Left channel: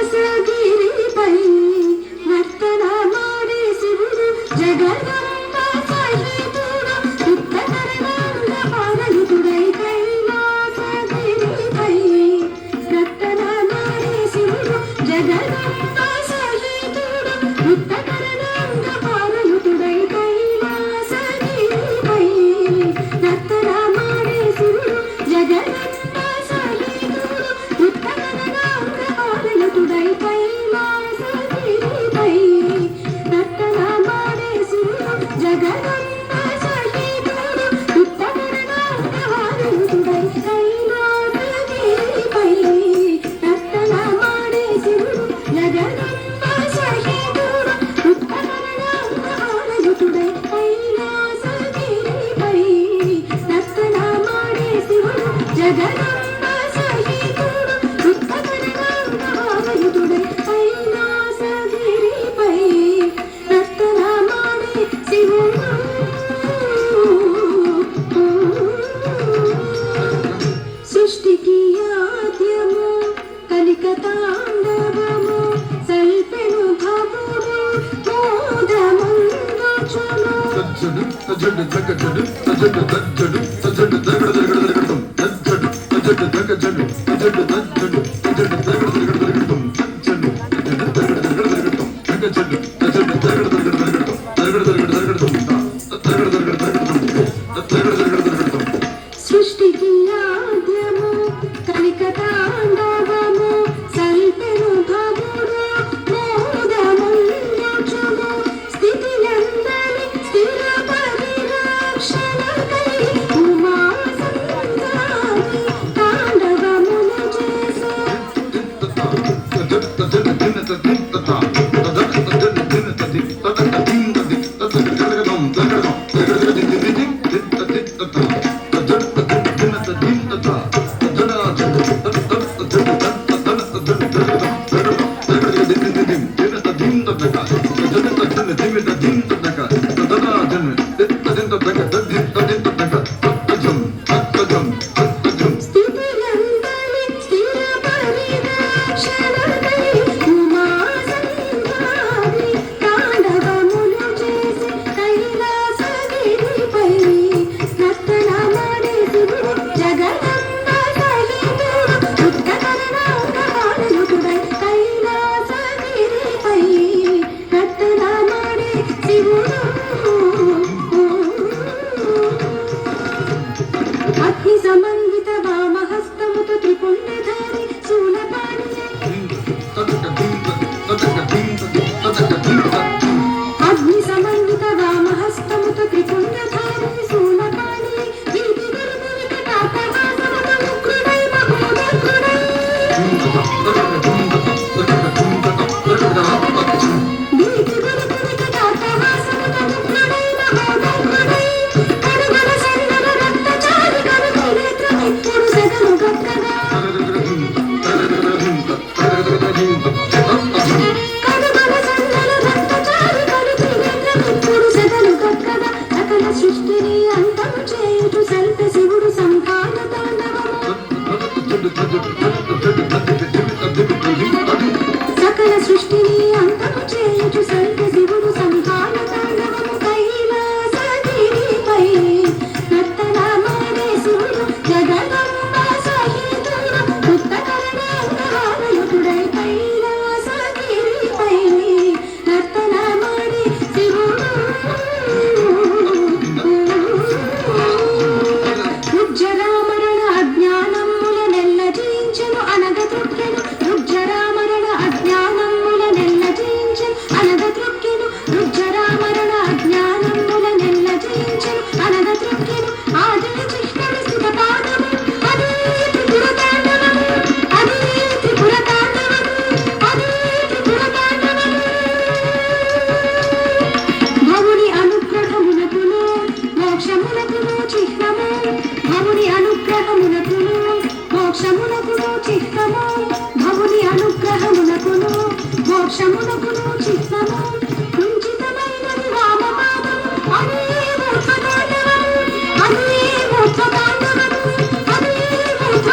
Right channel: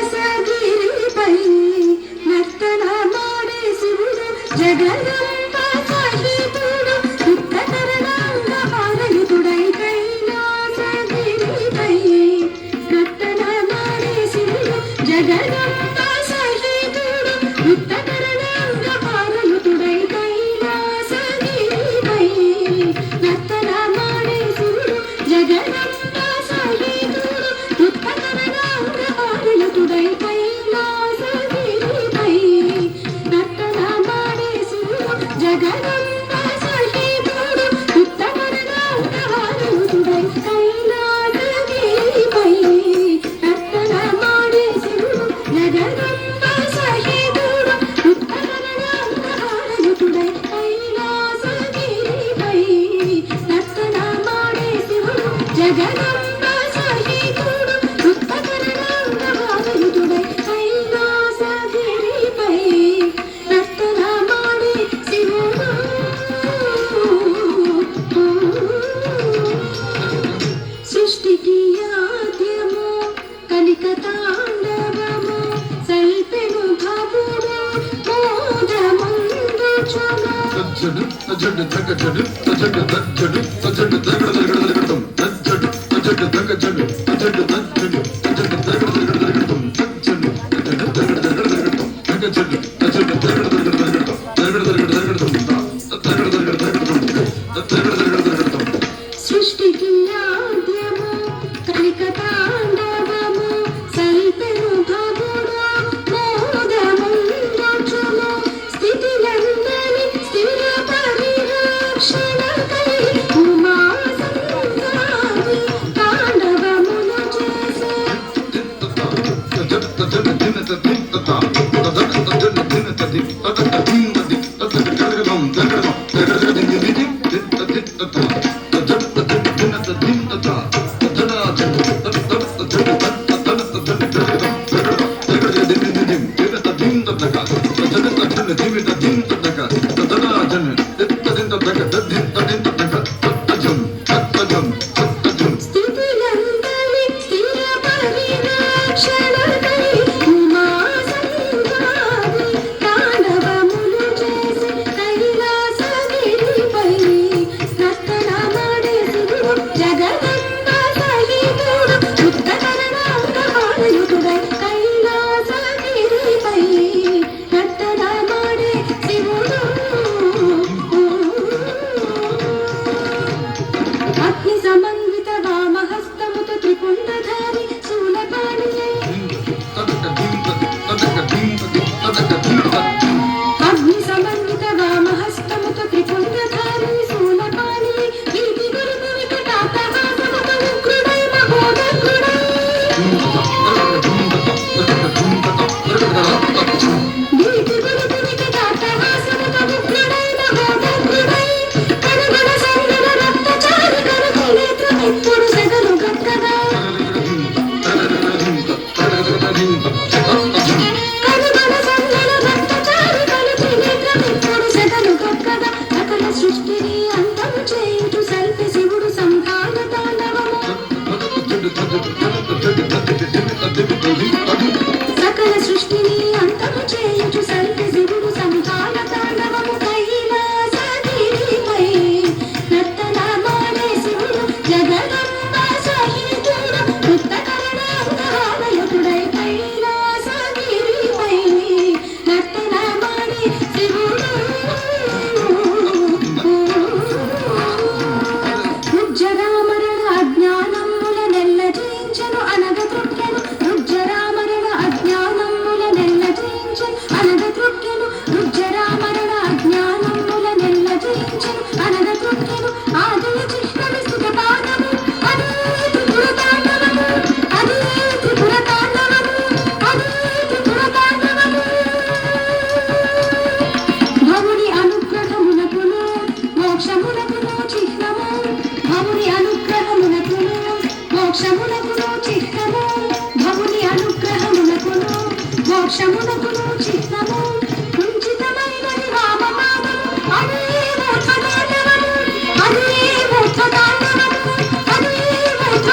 కైలాసగిరిపై నర్తన మాడే శివుడు జగదంబ సహితుడు ఉత్తకరణంగ పారయుతుడై కైలాసగిరిపై నర్తన మాడే శివుడు జగదంబ సహితుడు ఉత్తకరణంగ పారయుతుడై కైలాసగిరిపై నర్తన మాడే శివుడు జగదంబ సహితుడు ఉత్తకరణంగ పారయుతుడై కైలాసగిరిపై నర్తన మాడే శివుడు జగదంబ సహితుడు ఉత్తకరణంగ పారయుతుడై కైలాసగిరిపై నర్తన మాడే శివుడు జగదంబ సహితుడు ఉత్తకరణంగ పారయుతుడై కైలాసగిరిపై నర్తన మాడే శివుడు జగదంబ సహితుడు ఉత్తకరణంగ పారయుతుడై కైలాసగిరిపై నర్తన మాడే శివుడు. సృష్టికి ఆద్యము కలికతాండవము సల్పెను భవము మోదముందుచును సృష్టికి ఆద్యము కలికతాండవము సల్పెను భవము మోదముందుచును స్థితిలందలి స్థిర పరిరక్షణకై ఉమా సంసారి తాండవమును చేసే స్థితిలందలి స్థిర పరిరక్షణకై ఉమా సంసారి తాండవమును చేసే కైలాసగిరిపై నర్తన మాడే శివుడు జగదంబ సహితుడు ఉత్తకరణంగ పారయుతుడై కైలాసగిరిపై నర్తన మాడే శివుడు. అగ్ని సమన్విత వామహస్తముతో త్రిపుండధారి శూలపాణి అగ్ని సమన్విత వామహస్తముతో త్రిపుండధారి శూలపాణి వీటి గురుపు వికటాటహాసముతో ఉగ్రుడై మహోదగ్రుడై వీటి గురుపు వికటాటహాసముతో ఉగ్రుడై మహోదగ్రుడై కరుబల సంగర రక్తచారి కరుణేత్రమిప్పుడు సెగలు గొప్పగా కరుబల సంగర రక్తచారి కరుణేత్రమిప్పుడు సెగలు గొప్పగా సకల సృష్టిని అంతం చేయుచు సల్పి శివుడు సంహార తాండవము సకల సృష్టిని అంతం చేయుచు సల్పి శివుడు సంహార తాండవము కైలాసగిరిపై నర్తన మాడే శివుడు జగదంబ సహితుడు ఉత్తకరణంగ పారయుతుడై కైలాసగిరిపై నర్తన మాడే శివుడు. రుజ్జరామరణ అజ్ఞానముల నెల్ల జయించెను అనగ తృప్కెను రుజ్జరామరణ అజ్ఞానముల నెల్ల జయించెను అనగ తృప్కెను రుజ్జరామరణ అజ్ఞానముల నెల్ల జయించెను అనగ తృప్కెను ఆదయ చిహ్నని స్థిత పాదము అదే త్రిపురతాండవము అదే త్రిపురతాండవము అదే త్రిపురతాండవము భవుని అనుగ్రహమునకును మోక్షమునకును చిహ్నము భవుని అనుగ్రహమునకును మోక్షమునకును చిహ్నము భవుని అనుగ్రహమునకును మోక్షమునకును చిహ్నము కుంచితమైనది వామపాదము అదే మోక్షతాండవము అదే మోక్షతాండవము అదే మోక్ష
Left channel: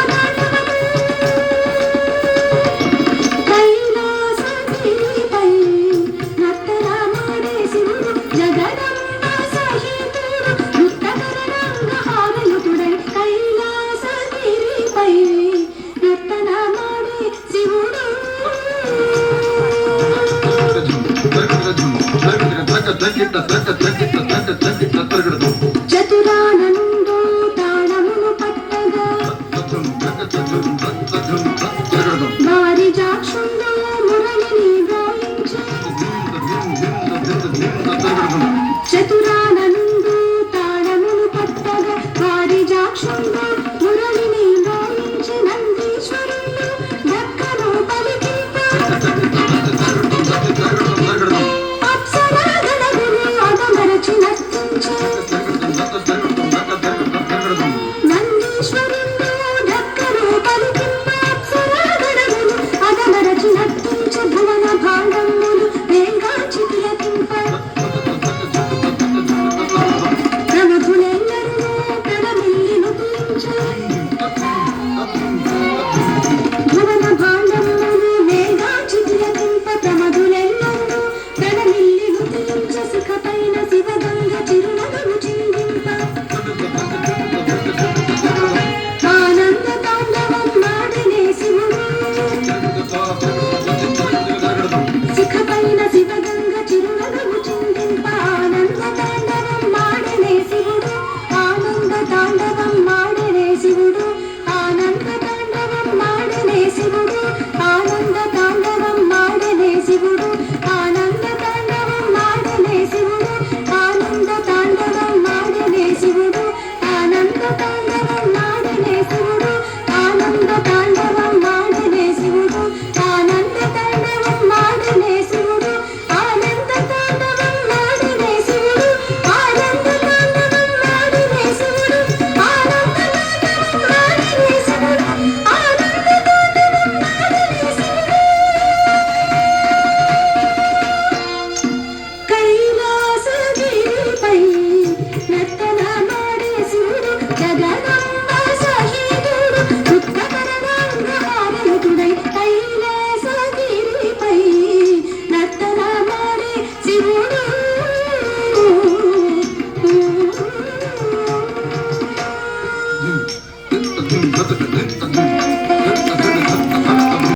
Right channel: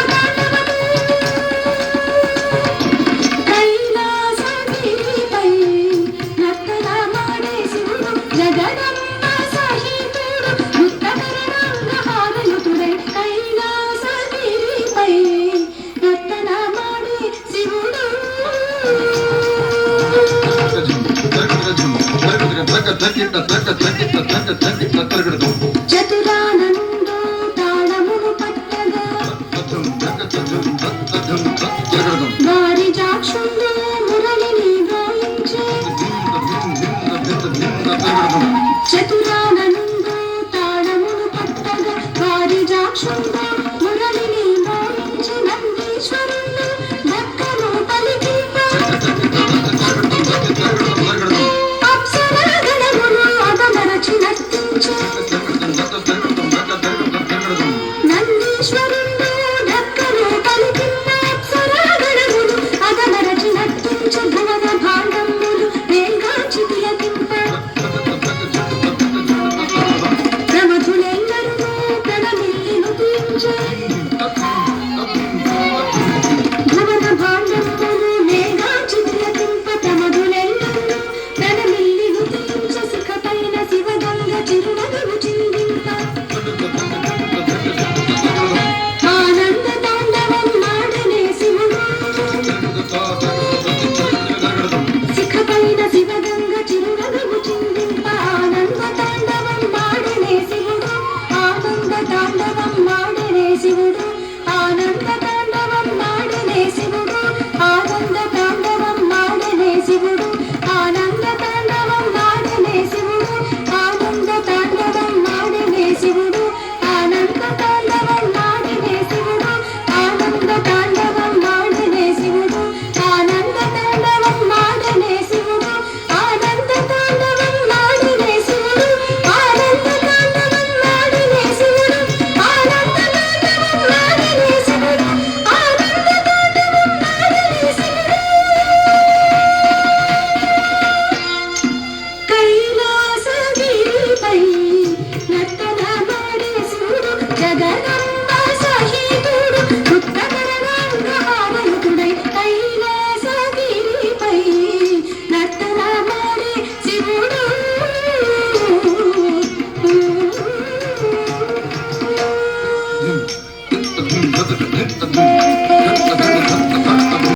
చతురానందో తాళమును పట్టగా వారి జాక్షుల్లో మురళిని గాయించే చతురా